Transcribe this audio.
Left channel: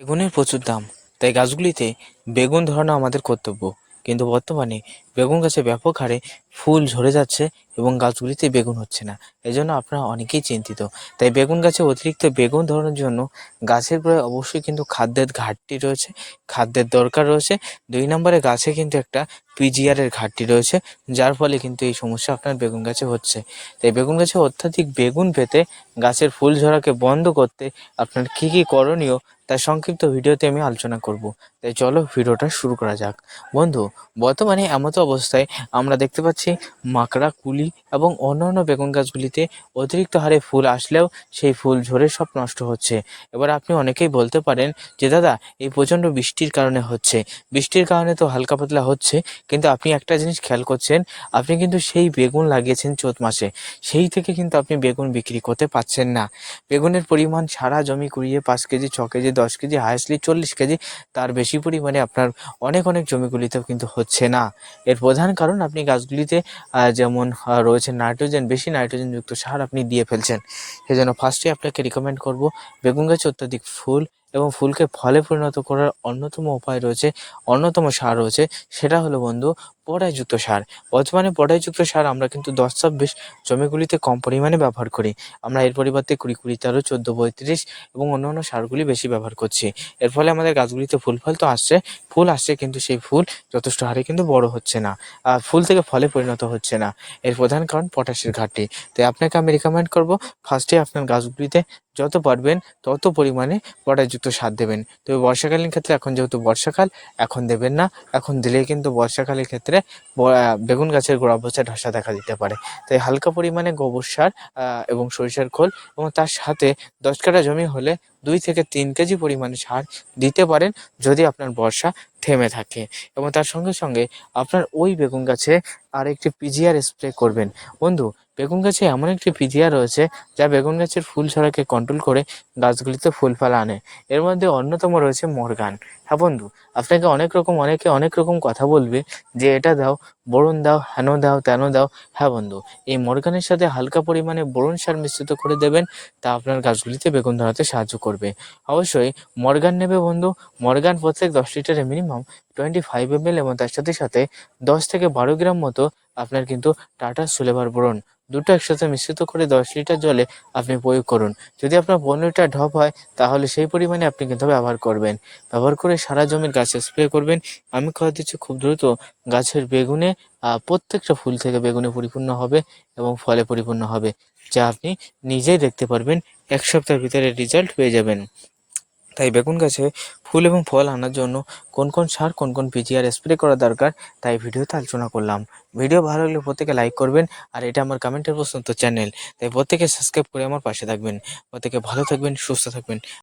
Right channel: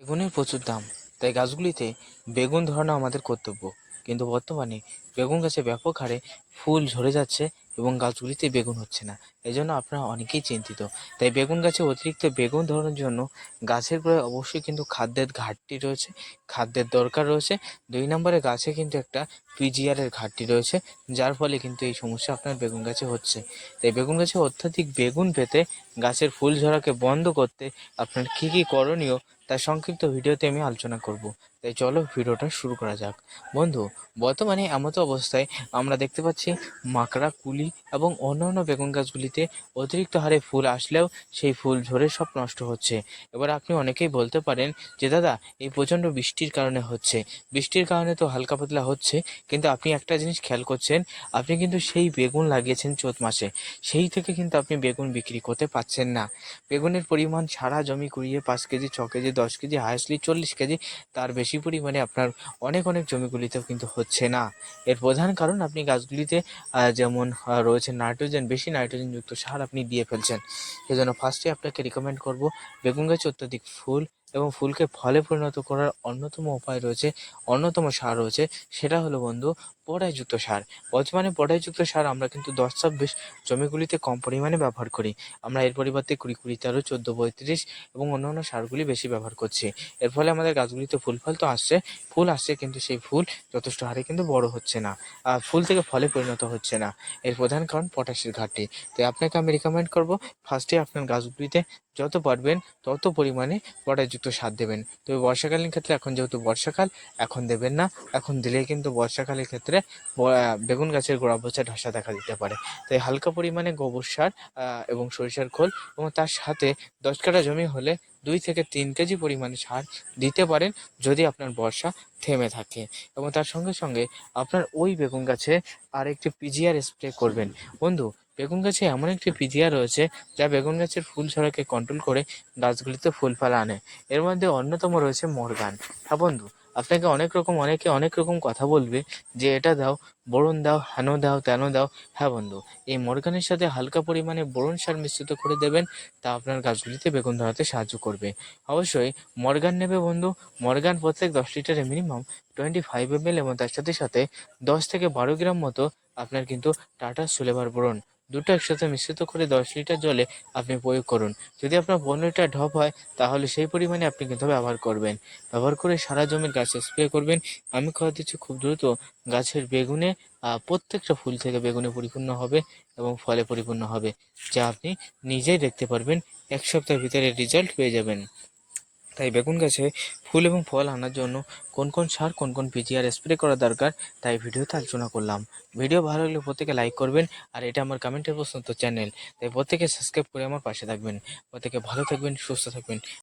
বেগুনের প্রচুর দাম। তাই গাছগুলিতে বেগুন ধরানো আমাদের কর্তব্য। কিন্তু বর্তমানে বেগুন গাছে ব্যাপক হারে ফুল ঝরে যাচ্ছে এবং গাছগুলিতে বেগুন হচ্ছে না। এই জন্য আপনারা অনেকেই চিন্তিত। তাই বেগুন গাছে অতিরিক্ত বেগুন ধরানোর জন্য গাছের গোড়ায় অবশ্যই কিন্তু খাদ্যের ঘাটতি রয়েছে, খাদ্যের দরকার রয়েছে। দুই নম্বরে গাছে কিন্তু একটা পিজিআরের ঘাটতি রয়েছে, যার ফলে কিন্তু এই সমস্যা আপনার বেগুন গাছে হচ্ছে। তাই বেগুন গাছে অত্যাধিক বেগুন পেতে গাছের ফুল ঝরাকে বন্ধ করতে আপনার কী কী করণীয় তার সংক্ষিপ্ত ভিডিওতে আমি আলোচনা করব। তাই চলো ভিডিওটা শুরু করা যাক। বন্ধু, বর্তমানে এমতো অবস্থায় আমরা দেখতে পাচ্ছি মাকড়া, কুলি এবং অন্যান্য বেগুন গাছগুলিতে অতিরিক্ত হারে ফুল আসলেও সেই ফুল ঝরে সব নষ্ট হচ্ছে। এবার আপনি অনেকেই বলতে পারেন যে, দাদা, এই প্রচণ্ড বৃষ্টির কারণে হচ্ছে। বৃষ্টির কারণে তো হালকা পাতলা হচ্ছে, কিন্তু আপনি একটা জিনিস খেয়াল করছেন, আপনি কিন্তু সেই বেগুন লাগিয়েছেন চৈত মাসে। সেই থেকে কিন্তু আপনি বেগুন বিক্রি করতে পারছেন না। বেগুনের পরিমাণ সারা জমি কুড়িয়ে পাঁচ কেজি, ছ কেজি, দশ কেজি হায়েস্টলি চল্লিশ কেজি, তার বেশি পরিমাণে আপনার অনেক অনেক জমিগুলিতেও কিন্তু হচ্ছে না। এর প্রধান কারণ আপনি গাছগুলিতে যেমন রয়েছে নাইট্রোজেন, বেশি নাইট্রোজেনযুক্ত সার আপনি দিয়ে ফেলছেন। সেজন্য ফার্স্টে আপনাকে রিকমেন্ড করব বেগুন গাছে অত্যাধিক ফুল এবং ফুলকে ফলে পরিণত করার অন্যতম উপায় রয়েছে, অন্যতম সার রয়েছে, সেটা হলো বন্ধু পটাশযুক্ত সার। বর্তমানে পটাশযুক্ত সার আমরা কিন্তু দশ ছাব্বিশ জমিগুলিতে কম পরিমাণে ব্যবহার করি। আমরা এর পরিবর্তে কুড়ি কুড়ি, তেরো, চোদ্দ, পঁয়ত্রিশ এবং অন্যান্য সারগুলি বেশি ব্যবহার করছি। এর ফলে আমাদের গাছগুলিতে ফুল ফল তো আসছে। ফুল আসছে কিন্তু সেই ফুল যথেষ্ট হারে কিন্তু বড় হচ্ছে না আর ফুল থেকে ফলে পরিণত হচ্ছে না। এর প্রধান কারণ পটাশের ঘাটতি। তাই আপনাকে আমি রিকমেন্ড করব ফার্স্টে আপনার গাছগুলিতে যত পারবেন তত পরিমাণে পটাশযুক্ত সার দেবেন। তবে বর্ষাকালীন ক্ষেত্রে এখন যেহেতু বর্ষাকাল, এখন দেবেন না। এখন দিলেই কিন্তু বর্ষাকালের ক্ষেত্রে আহ, বেগুন গাছের গোড়া পচা ধসা দেখা দিতে পারে। তাই হালকা পরিমাণে গোবর সার এবং সরিষার খোল এবং তার সাথে দশ কাটা জমি হলে দুই থেকে তিন কেজি পরিমাণে সার দিতে পারেন যদি আপনার বর্ষা থেমে থাকে। এবং তার সঙ্গে সঙ্গে আপনার ওই বেগুন গাছে আর একটি পিজিআর স্প্রে করবেন। বন্ধু বেগুন গাছে এমন একটি পিজিআর রয়েছে যা বেগুন গাছের ফুল ছড়াকে কন্ট্রোল করে গাছগুলিতে ফুল ফল আনে। এর মধ্যে অন্যতম রয়েছে মর্গান। হ্যাঁ বন্ধু, আপনাকে অনেক রকম, অনেকে অনেক রকম কথা বলবে যে এটা দাও বরুণ দাও, হেন দাও, তেন দাও। হ্যাঁ বন্ধু, এই মর্গানের সাথে হালকা পরিমাণে বোরন সার মিশ্রিত করে দেবেন, তা আপনার গাছগুলিতে বেগুন ধরাতে সাহায্য করবে। অবশ্যই মরগান নেবে বন্ধু, মরগান প্রত্যেক দশ লিটারে minimum twenty five M L এবং তার সাথে সাথে দশ থেকে বারো গ্রাম মতো আপনার কিন্তু টাটা সুলেভার বোরন দুটো একসাথে মিশ্রিত করে দশ লিটার জলে আপনি প্রয়োগ করুন। যদি আপনার পনেরো লিটার ঢপ হয়, তাহলে সেই পরিমাণে আপনি কিন্তু ব্যবহার করবেন। ব্যবহার করে সারা জমির গাছে স্প্রে করবেন। আমি কথা দিচ্ছি খুব দ্রুত গাছের বেগুনে প্রত্যেকটা ফুল থেকে বেগুনে পরিপূর্ণ হবে এবং ফলে পরিপূর্ণ হবে, যা আপনি নিজেই দেখতে পারবেন। এক সপ্তাহের ভিতরে রেজাল্ট পেয়ে যাবেন। তাই বেগুন গাছে ফুল এবং ফল আনার জন্য কোন কোন সার, কোন কোন পিজিআর স্প্রে করা দরকার, তাই ভিডিওতে আলোচনা করলাম। ভিডিও ভালো লাগলে প্রত্যেকে লাইক করবেন আর এটা আমার কমেন্টের প্রশ্ন চ্যানেল তাই প্রত্যেকে সাবস্ক্রাইব করে আমার পাশে থাকবেন। প্রত্যেকে ভালো থাকবেন, সুস্থ থাকবেন।